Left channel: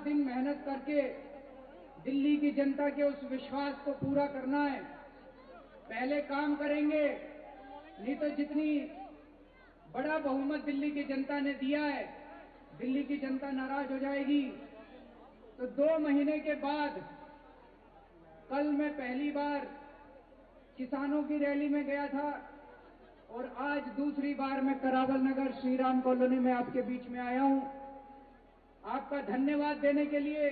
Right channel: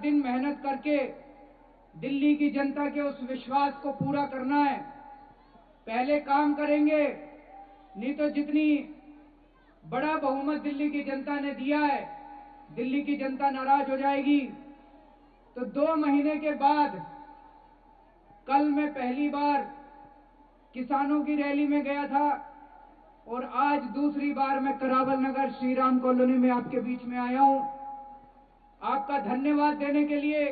दिन मेहनत करके दिल्ली की जनता के उस विश्वास को पूरा करना है। पहले काम करेंगे, नहीं तो जितनी बड़ा बहुमत दिल्ली की जनता ने दिया है, दिल्ली की जनता नाराज हो जाएगी। तो 2 महीने के बाद कल मैं पहली बार किसानों की रैली में गया था और आज दूसरी बार मैं करावल नगर श्रीराम कॉलोनी में आपके बीच में आया हूं, आपका धन्यवाद देने के लिए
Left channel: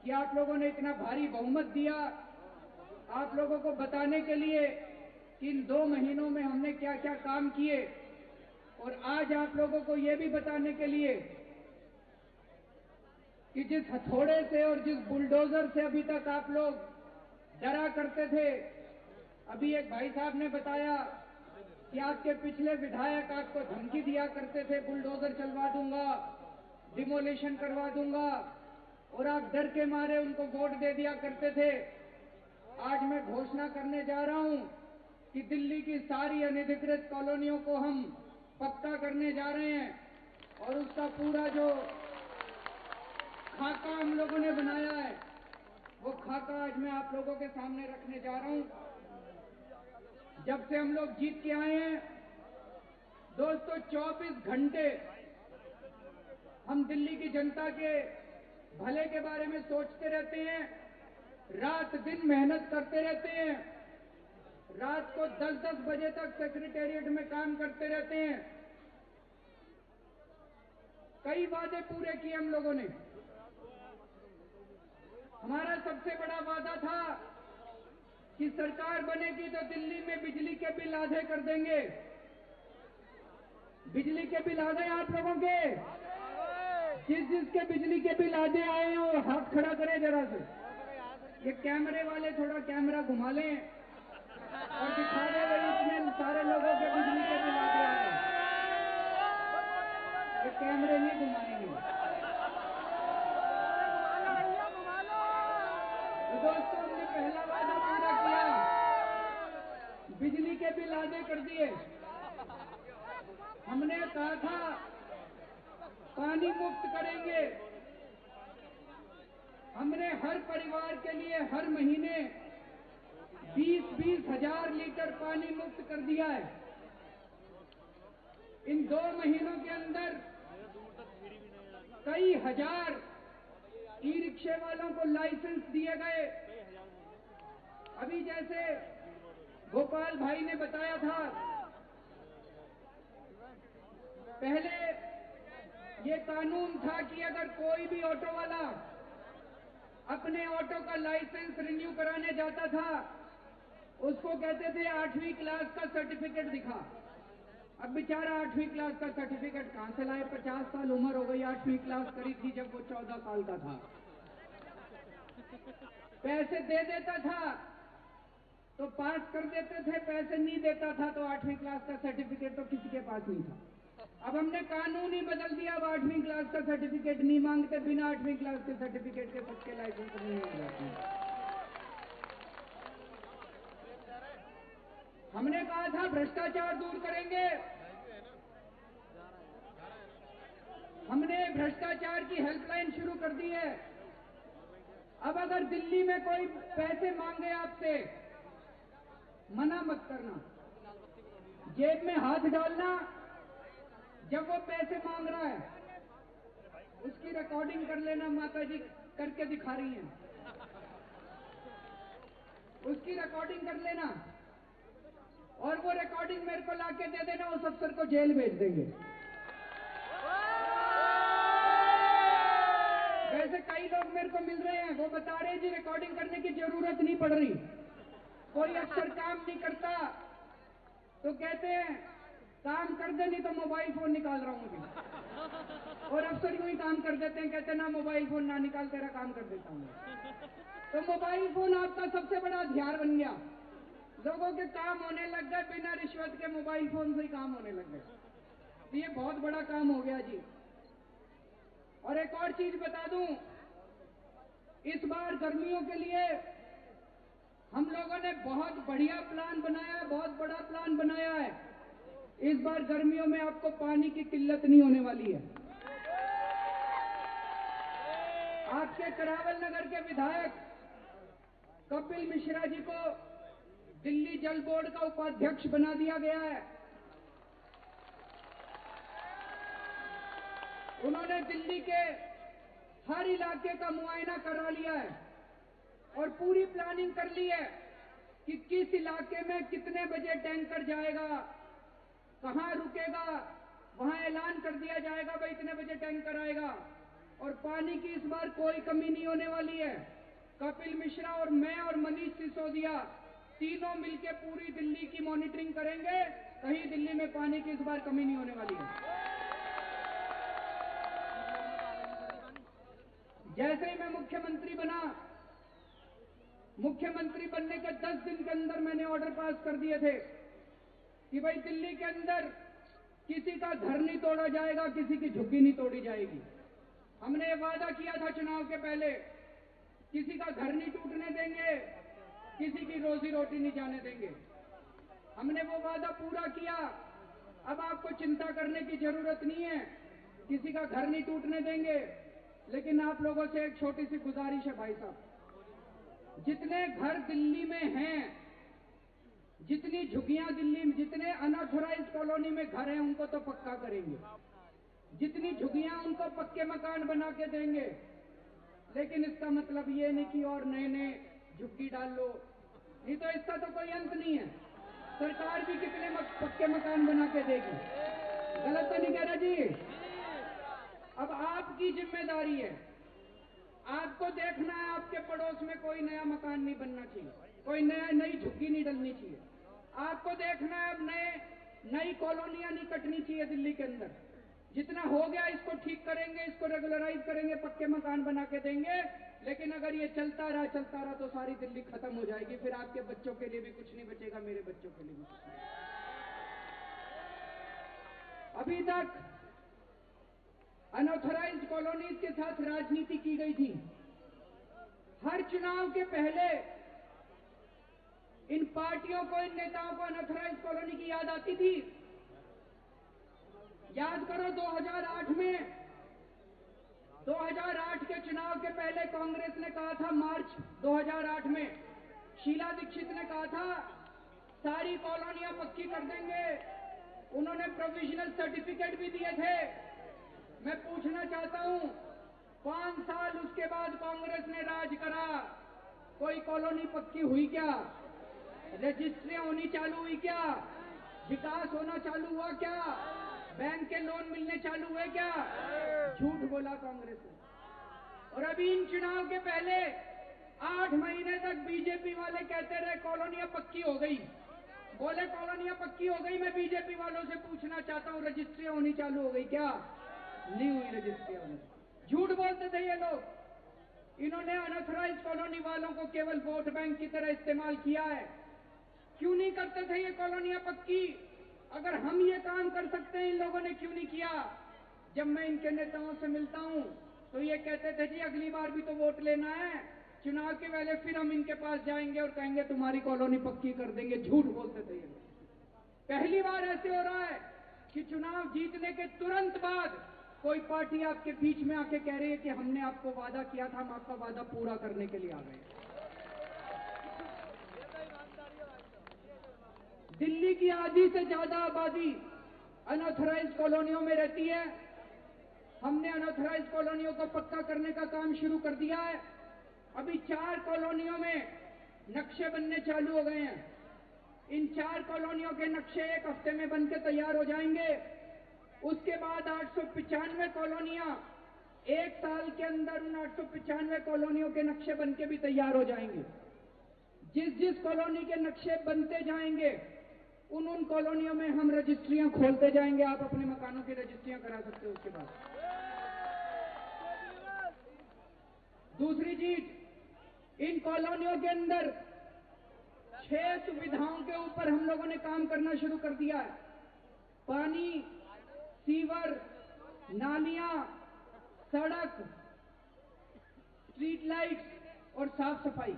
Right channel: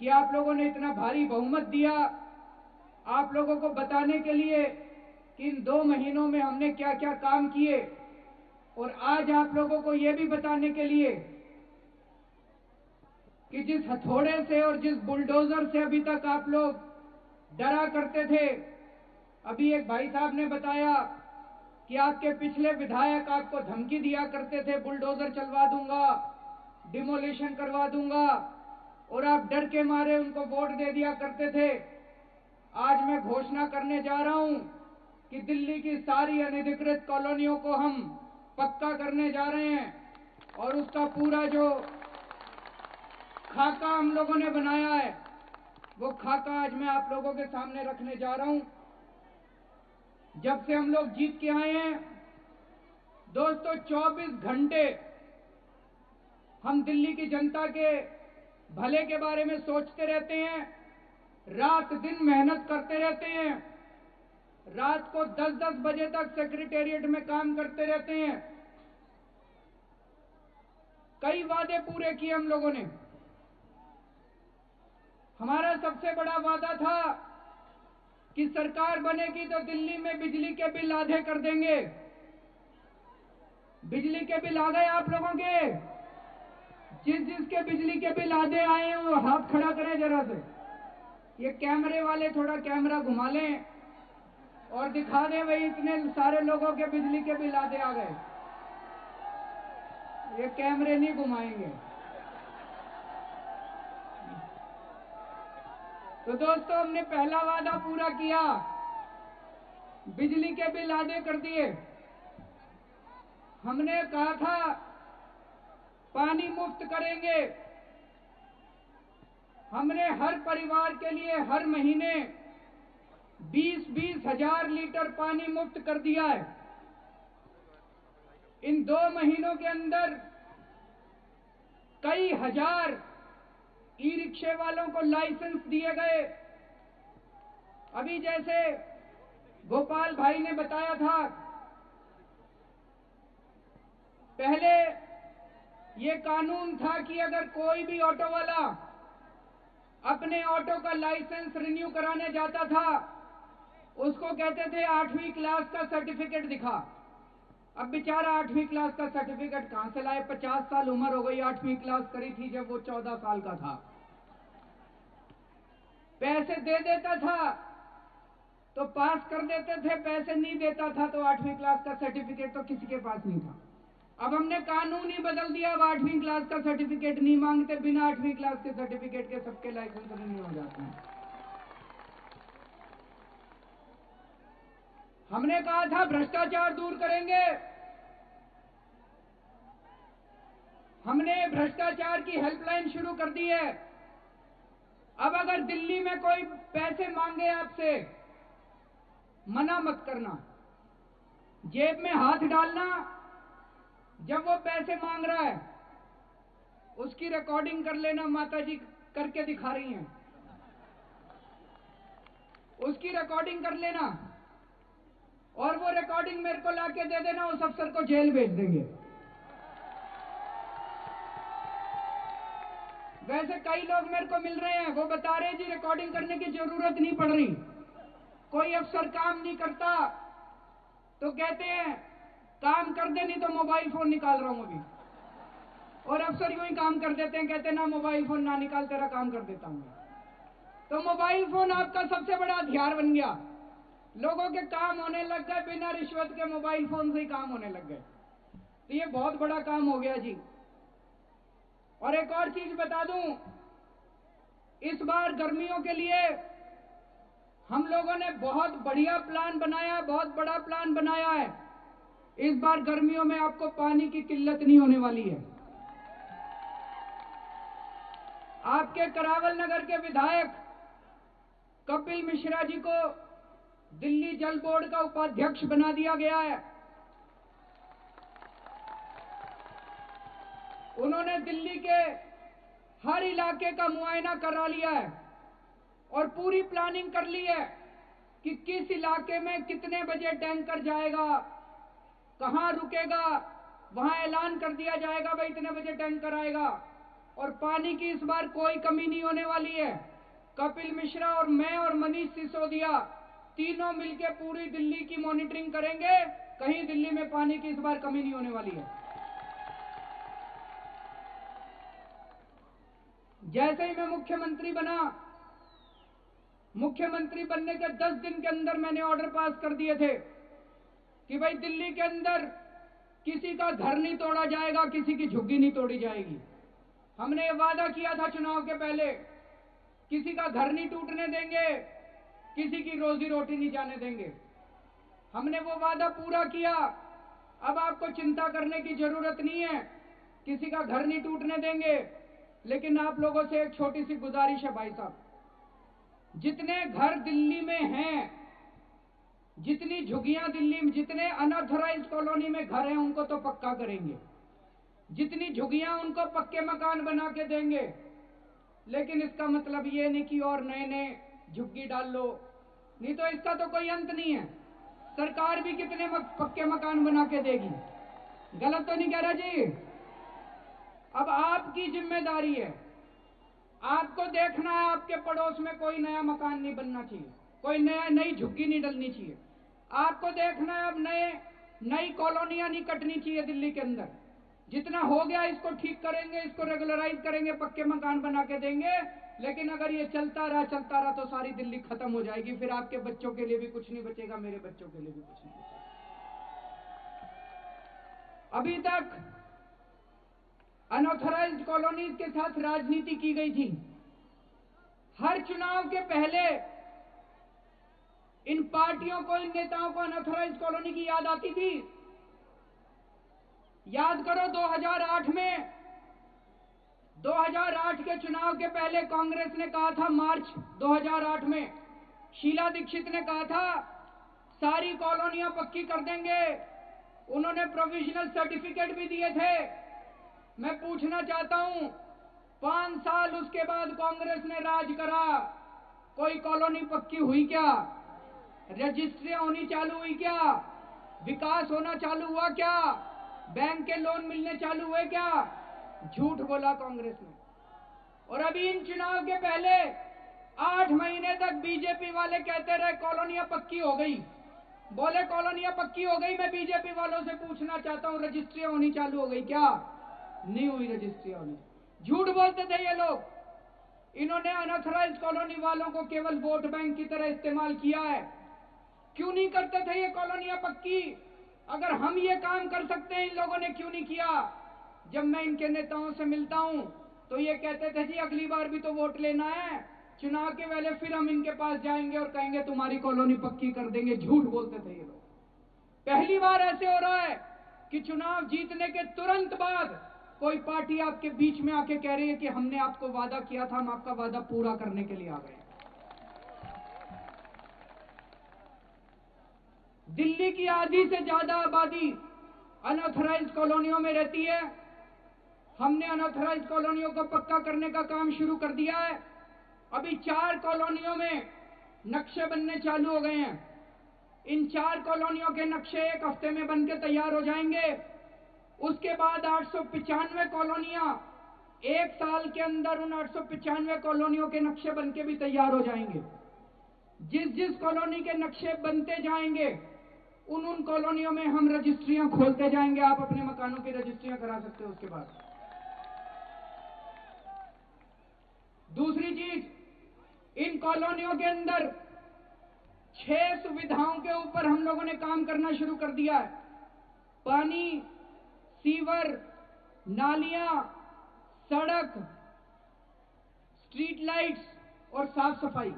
कि आप लोगों ने इतना भारी बहुमत दिया, आप लोगों को बताने के लिए कि इन 2 महीनों में हमने क्या क्या काम किए, और आज आप लोगों को यह भी बताने के लिए कि जिस हथौड़े से और जिस बुलडोजर से अभी तक आप लोग डरा करते थे, अभी एक भाई साहब ने बताया कि आपके पिछले विधायक आपको धमकी दिया करते थे, बुलडोजर चलवा दूंगा, डिमोलिशन करवा दूंगा, और आप डर के मारे उनको वोट दे दिया करते थे। आज मैं घोषणा करने जा रहा हूं कि दिल्ली की सारी अनधिकृत कॉलोनियों को हम पक्का करने जा रहे हैं, और उसका पूरा जो खाका हम लोगों ने बनाया है, वो खाका आज मैं आप लोगों के सामने रखने जा रहा हूं। जब से हम लोग जीत के आए हैं दोस्तों, 24 घंटे हम दिल्ली की जनता के भले के बारे में सोचते रहते हैं, रात दिन मेहनत करते रहते हैं, रात को 10-10 बजे तक सेक्रेटेरिएट में काम करते रहते हैं। कई वादे पूरे किए हम लोगों ने। हमारा सबसे बड़ा वादा था कि सरकार बनेगी तो दिल्ली में बिजली के बिल आधे कर देंगे। बिजली के बिल आ गए आप लोगों के? जिसके बिजली के बिल आधे आए हैं वो हाथ खड़ा करें जरा से। ये कैमरे वाले थोड़ा कैमरा घुमा लें और दिखा दें भाई इतने सारे लोगों के बिजली के बिल आधे आ गए। ये कैमरे नहीं घुमाएंगे। तो दोस्तों, हमने पहला वादा पूरा किया, बिजली के बिल आधे कर दिए। हमने कहा था पानी मुफ्त करेंगे। हमने हर परिवार के लिए हर महीने 20-20 हजार लीटर पानी मुफ्त कर दिया है। इन 2 महीनों के अंदर कई हजार ई रिक्शे वालों को लाइसेंस दिए गए। अभी जैसे गोपाल भाई ने बताया था, पहले ये कानून था कि अगर कोई भी ऑटो वाला अपने ऑटो का लाइसेंस रिन्यू कराने जाता था, उसको कहते थे 8वीं क्लास का सर्टिफिकेट दिखा। अब बेचारा 8वीं क्लास का सर्टिफिकेट कहां से लाए? 50 साल उम्र हो गई, 8वीं क्लास करी थी जब वो 14 साल का था। पैसे दे देता था तो पास कर देते थे, पैसे नहीं देता था तो 8वीं क्लास का सर्टिफिकेट तो किसी के पास नहीं था। अब हमने कानून ही बदल दिया, अब 8वीं क्लास का सर्टिफिकेट नहीं मांगते, बिना 8वीं क्लास के सर्टिफिकेट के सबके लाइसेंस रिन्यू हो जाते हैं। हमने कहा था भ्रष्टाचार दूर करेंगे। हमने भ्रष्टाचार की हेल्पलाइन शुरू कर दी है। अब अगर दिल्ली में कोई पैसे मांगे आपसे, मना मत करना, जेब में हाथ डालना। जब वो पैसे मांग रहा है उसकी रिकॉर्डिंग कर लेना, माता जी करके दिखा रही हैं, उसकी रिकॉर्डिंग कर लेना और वो रिकॉर्डिंग मेरे को लाके दे देना, उस अफसर को जेल भेज देंगे। वैसे कई लोग मेरे को मिल रहे हैं, वो बता रहे हैं जी रिकॉर्डिंग करने की जरूरत नहीं पड़ रही। कोई अफसर काम नहीं करता तो कहते हैं काम कर दे, नहीं तो मोबाइल फोन निकाल रहा हूं अभी, और अफसर यूं ही काम कर देते हैं, कहते हैं ना मोबाइल फोन ना निकाल, तेरा काम कर देता हूं। तो मोबाइल फोन आपका सबसे बड़ा हथियार बन गया। लोगों के काम होने लग गए, बिना रिश्वत के मोबाइल फोन से ही काम होने लग गए। तो ये बहुत बड़ा काम हो गया जी। और एक और चीज बता दूं, इस बार गर्मियों के लिए हम लोगों ने बहुत बढ़िया प्लान बनाया, बहुत बड़ा प्लान बनाया है। इस बार गर्मियों में आपको पानी की किल्लत नहीं होने वाली है। के करावल नगर के विधायक कपिल मिश्रा जी को दिल्ली जल बोर्ड का उपाध्यक्ष बना दिया गया है। उन्होंने दिल्ली के हर इलाके का मुआयना करा लिया है और पूरी प्लानिंग कर ली है कि किस इलाके में कितने बजे टैंकर जाएगा, कहां रुकेगा, वहां ऐलान कर दिया जाएगा भाई इतने बजे टैंकर आएगा। और पानी की इस बार कोई कमी नहीं होने वाली है। कपिल मिश्रा और मैं और मनीष सिसोदिया तीनों मिलकर पूरी दिल्ली की मॉनिटरिंग करेंगे, कहीं दिल्ली में पानी की इस बार कमी नहीं होने वाली है। जैसे ही मैं मुख्यमंत्री बना, मुख्यमंत्री बनने के 10 दिन के अंदर मैंने ऑर्डर पास कर दिए थे कि भाई दिल्ली के अंदर किसी का घर नहीं तोड़ा जाएगा, किसी की झुग्गी नहीं तोड़ी जाएगी। हमने ये वादा किया था चुनाव के पहले, किसी का घर नहीं टूटने देंगे, किसी की रोजी रोटी नहीं जाने देंगे। हमने वो वादा पूरा किया। अब आपको चिंता करने की जरूरत नहीं है, किसी का घर नहीं टूटने देंगे। लेकिन आप लोगों से एक छोटी सी गुजारिश है भाई साहब, जितने घर दिल्ली में हैं, जितनी झुग्गियां दिल्ली में, जितने अनऑथराइज्ड कॉलोनी में घर हैं उनको तो पक्का करेंगे, जितनी झुग्गियां उनको पक्के मकान बना के देंगे। लेकिन इसका मतलब ये नहीं कि और नए नए झुग्गी डाल लो, नहीं तो इसका तो कोई अंत नहीं है। सरकार भी कितने पक्के मकान बना के देगी। गलत तो नहीं कह रहा जी? अब आपकी जिम्मेदारी है, आपको देखना है आपके पड़ोस में कोई नया मकान नहीं बनना चाहिए, कोई नई झुग्गी नहीं डलनी चाहिए। आपको देखना है अब नई कॉलोनियां नहीं कटनी चाहिए दिल्ली के अंदर। जितना हो गया इसको ठीक करेंगे, इसको रेगुलराइज करेंगे, पक्के मकान बना के देंगे। लेकिन अगर ये चलता रहा तो सारी दिल्ली खत्म हो जाएगी, फिर आपके बच्चों के लिए भी कुछ नहीं बचेगा, मेरे बच्चों के लिए भी कुछ नहीं। अभी तक अनऑथराइज्ड कॉलोनीज के साथ राजनीति की गई थी। हर चुनाव के पहले इन पार्टियों को, इन नेताओं को अनऑथराइज्ड कॉलोनी की याद आती थी। याद करो 2008 के चुनाव के पहले कांग्रेस ने कहा था, मार्च 2008 में शीला दीक्षित ने कहा था सारी कॉलोनियां पक्की कर देंगे। उन्होंने प्रोविजनल सर्टिफिकेट भी दिए थे। मैं पूछना चाहता हूं, 5 साल उसके बाद कांग्रेस ने राज करा, कोई कॉलोनी पक्की हुई क्या? रजिस्ट्रियां होनी चालू हुई क्या? विकास होना चालू हुआ क्या? बैंक के लोन मिलने चालू हुए क्या? झूठ बोला कांग्रेस ने। और अभी इन चुनाव के पहले 8 महीने तक बीजेपी वाले कहते रहे कॉलोनियां पक्की हो गई। बोले कॉलोनियां पक्की हो गई। मैं बीजेपी वालों से पूछना चाहता हूं, रजिस्ट्रियां होनी चालू हो गई क्या? नहीं हुई रजिस्ट्रियां। झूठ बोलते थे ये लोग। इन्होंने अनऑथराइज्ड कॉलोनी वालों को केवल वोट बैंक की तरह इस्तेमाल किया है। क्यों नहीं करते थे ये कॉलोनियां पक्की? अगर हम ये काम कर सकते हैं, इन लोगों ने क्यों नहीं किया? जब मैं इनके नेताओं से मिलता हूं तो ये कहते थे जी अगली बार भी तो वोट लेना है, चुनाव के पहले फिर हम इनके पास जाएंगे और कहेंगे तुम्हारी कॉलोनी पक्की कर देंगे। झूठ बोलते थे ये लोग। पहली बार ऐसे हो रहा है कि चुनाव जीतने के तुरंत बाद कोई पार्टी आपके बीच में आके कह रही है कि हमने आपको वादा किया था, हम आपका वादा पूरा करने के लिए आ गए। दिल्ली की आधी से ज्यादा आबादी अनऑथराइज्ड कॉलोनियों में रहती है। हमने अनऑथराइज्ड कॉलोनियों को पक्का करने का काम शुरू कर दिया है। अभी 4 कॉलोनियों में नक्शे बनने चालू हो गए हैं। इन 4 कॉलोनियों के नक्शे 1 हफ्ते में बनके तैयार हो जाएंगे। उसके बाद 895 कॉलोनियां 1 साल के अंदर, उन 895 कॉलोनियों के नक्शे बनके भी तैयार हो जाएंगे। जिस कॉलोनी के नक्शे बनते जाएंगे उन कॉलोनियों में हम रजिस्ट्रियां खोलते जाएंगे। आप अपने मकानों की रजिस्ट्रियां करा सकते हो। उसके बाद दूसरी चीज, इन कॉलोनियों के अंदर 6 सुविधाओं के ऊपर हम लोगों ने काम करना शुरू कर दिया है। पानी, सीवर, नालियां, सड़क, स्ट्रीट लाइट्स और साफ सफाई।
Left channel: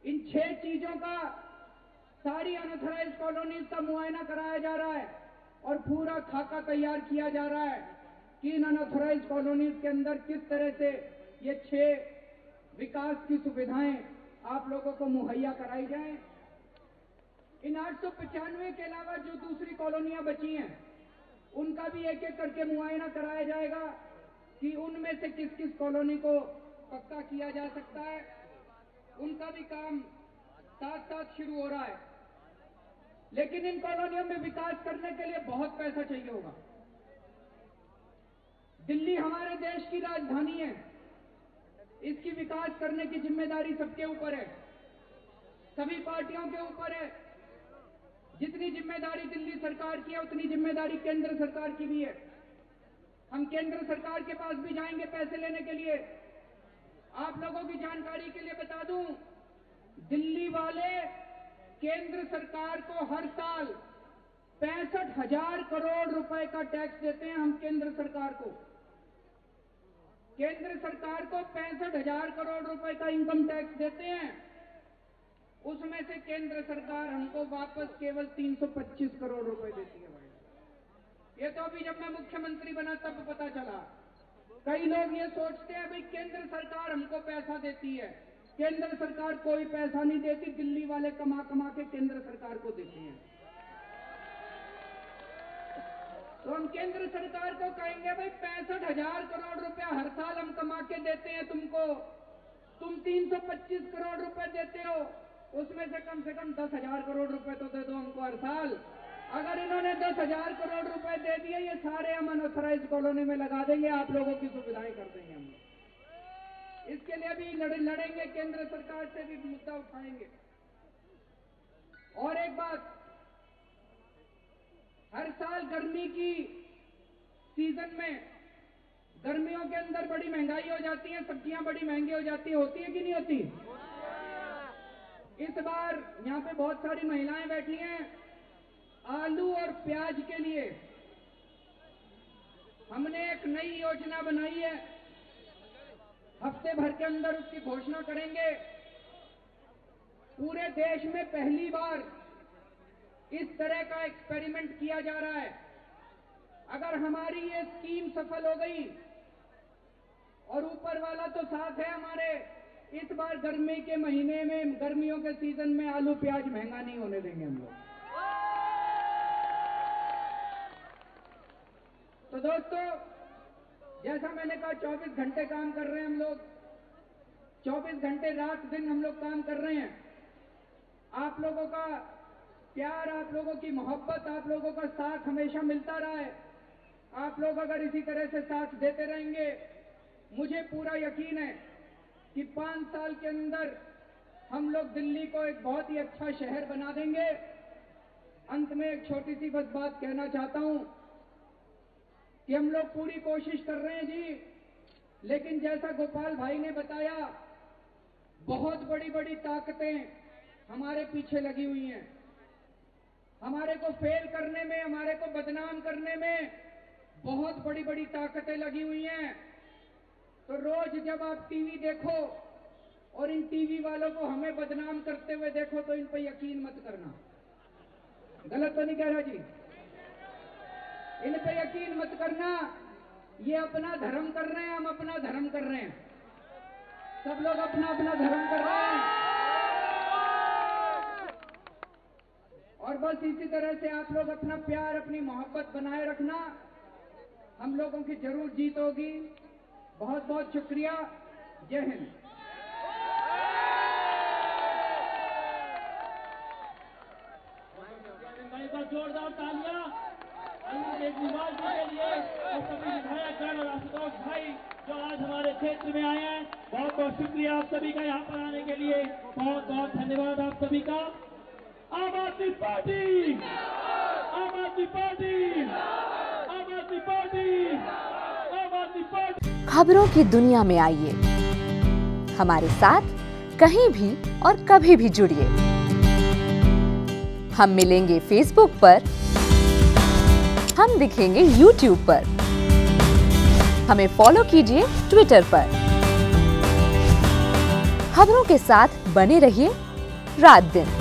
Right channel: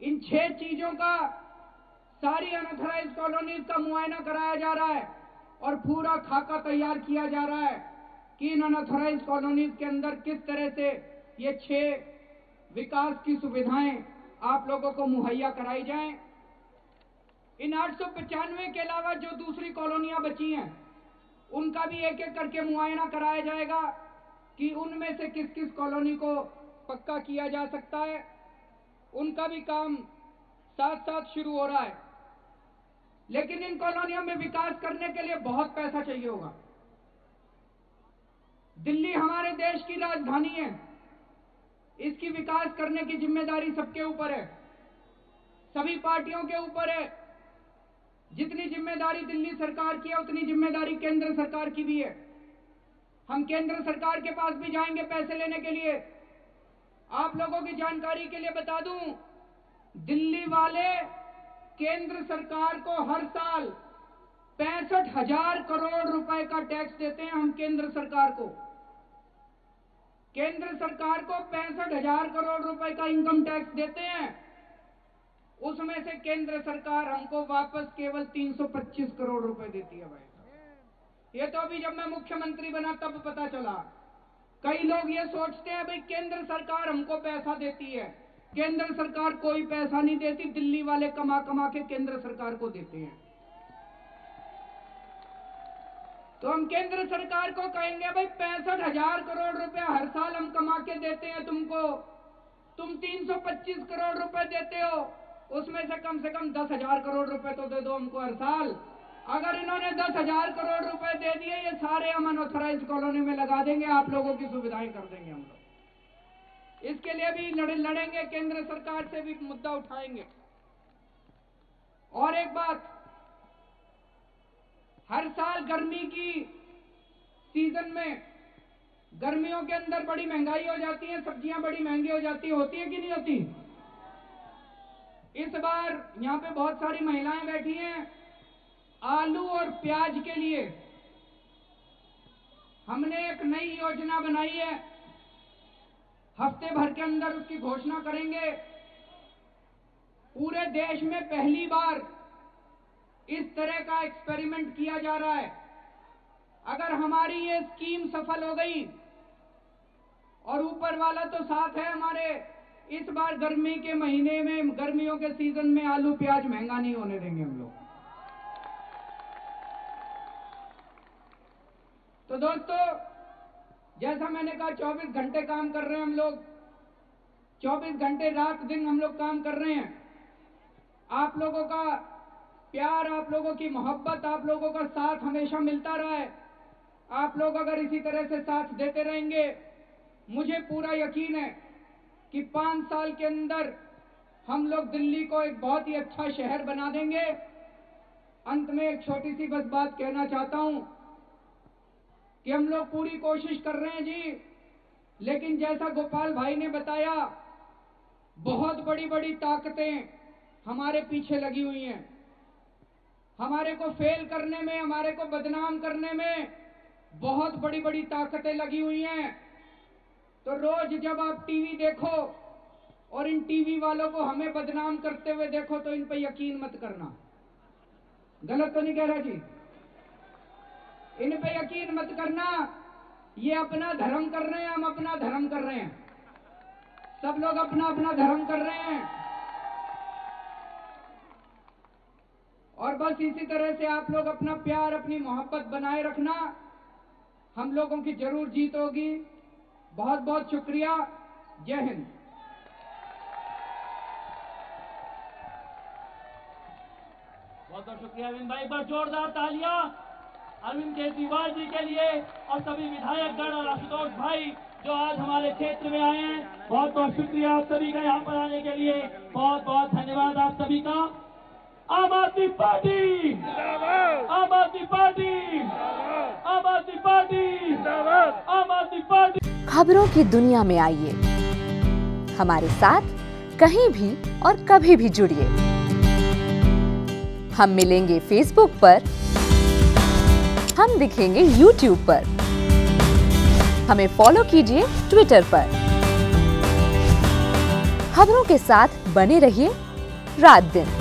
इन 6 चीजों का सारी अनऑथराइज्ड कॉलोनीज का मुआयना कराया जा रहा है और पूरा खाका तैयार किया जा रहा है कि इन अनऑथराइज्ड कॉलोनीज के अंदर किस तरह से ये 6 विकास की सुविधाएं आप लोगों को मुहैया कराई जाएं। इन 895 के अलावा जो दूसरी कॉलोनियां बची हैं उनका भी एक एक करके मुआयना कराया जाएगा कि उनमें से किस किस कॉलोनी को पक्का किया जा सकता है। उनका भी काम साथ साथ शुरू हो रहा है। लेकिन इन कॉलोनियों में विकास करने के लिए बहुत पैसा चाहिए होगा। दिल्ली हमारे देश की राजधानी है, इसकी विकास करने की जिम्मेदारी सबके ऊपर है, सभी पार्टियों के ऊपर है। जितनी जिम्मेदारी दिल्ली सरकार की है उतनी जिम्मेदारी केंद्र सरकार की भी है। हम केंद्र सरकार के पास भी जाएंगे पैसे लेने के लिए। आप लोगों की जानकारी के लिए बता दूं, दिल्ली वाले केंद्र सरकार को हर साल 65,000 करोड़ रुपए का टैक्स देते हैं। हम केंद्र सरकार को 65,000 करोड़ रुपए का इनकम टैक्स देते हैं। उसमें से केंद्र सरकार हमको वापस केवल 325 करोड़ रुपए देती है भाई। ये तो अभी जब मैं मुख्यमंत्री बना तब पता चला। कई लोग ये सोचते हैं भाई केंद्र सरकार हमको पैसा देती है। केंद्र सरकार कोई पैसा नहीं देती, दिल्ली वाले कमा कमा के केंद्र सरकार को देते हैं। तो हम केंद्र सरकार को कहेंगे भाई 65,000 करोड़ रुपया हर साल हम कमा के देते हैं तुमको, तुम 325 करोड़ रुपए देते हो, उसमें से कम 10,000 करोड़ रुपए तो दे दो हमको हर साल। अगर इन्होंने 10,000 करोड़ रुपए दे दिए, ये सारे हम अनऑथराइज्ड कॉलोनी में लगा देंगे, आप लोगों की सुविधाएं कर देंगे हम लोग। इसके लिए भी लड़ेंगे, केंद्र सरकार से भी मुद्दा उठाएंगे। और एक बात, हर साल गर्मी की सीजन में, गर्मियों के अंदर बड़ी महंगाई हो जाती है, सब्जियां बड़ी महंगी हो जाती है, होती है कि नहीं होती? इस बार यहां पे बहुत सारी महिलाएं बैठी हैं। आलू और प्याज के लिए हमने एक नई योजना बनाई है। हफ्ते भर के अंदर उसकी घोषणा करेंगे। पूरे देश में पहली बार इस तरह का एक्सपेरिमेंट किया जा रहा है। अगर हमारी ये स्कीम सफल हो गई, और ऊपर वाला तो साथ है हमारे, इस बार गर्मी के महीने में, गर्मियों के सीजन में आलू प्याज महंगा नहीं होने देंगे हम लोग। तो दोस्तों, जैसा मैंने कहा 24 घंटे काम कर रहे हैं हम लोग, 24 घंटे रात दिन हम लोग काम कर रहे हैं। आप लोगों का प्यार, आप लोगों की मोहब्बत, आप लोगों का साथ हमेशा मिलता रहा है। आप लोग अगर इसी तरह से साथ देते रहेंगे, मुझे पूरा यकीन है कि 5 साल के अंदर हम लोग दिल्ली को एक बहुत ही अच्छा शहर बना देंगे। अंत में एक छोटी सी बस बात कहना चाहता हूं कि हम लोग पूरी कोशिश कर रहे हैं जी, लेकिन जैसा गोपाल भाई ने बताया, बहुत बड़ी बड़ी ताकतें हमारे पीछे लगी हुई हैं। हमारे को फेल करने में, हमारे को बदनाम करने में बहुत बड़ी बड़ी ताकतें लगी हुई हैं। तो रोज जब आप टीवी देखो और इन टीवी वालों को हमें बदनाम करते हुए देखो, तो इन पर यकीन मत करना। गलत तो नहीं कह रहा जी? इन पे यकीन मत करना। ये अपना धर्म कर रहे हैं, हम अपना धर्म कर रहे हैं, सब लोग अपना अपना धर्म कर रहे हैं। और बस इसी तरह से आप लोग अपना प्यार, अपनी मोहब्बत बनाए रखना। हम लोगों की जरूर जीत होगी। बहुत बहुत शुक्रिया। जय हिंद। बहुत बहुत शुक्रिया अरविंद भाई। एक बार जोरदार तालियां अरविंद केजरीवाल जी के लिए और सभी विधायकगण और आशुतोष भाई जो आज हमारे क्षेत्र में आए हैं। बहुत बहुत शुक्रिया आप सभी का यहाँ पर आने के लिए। बहुत बहुत धन्यवाद आप सभी का। आम आदमी पार्टी, आम आदमी पार्टी, आम आदमी पार्टी, आम आदमी पार्टी। खबरों की दुनिया में आइए, हमारे साथ कहीं भी और कभी भी जुड़िए। हम मिलेंगे फेसबुक पर, हम दिखेंगे यूट्यूब पर, हमें फॉलो कीजिए ट्विटर पर। खबरों के साथ बने रहिए रात दिन।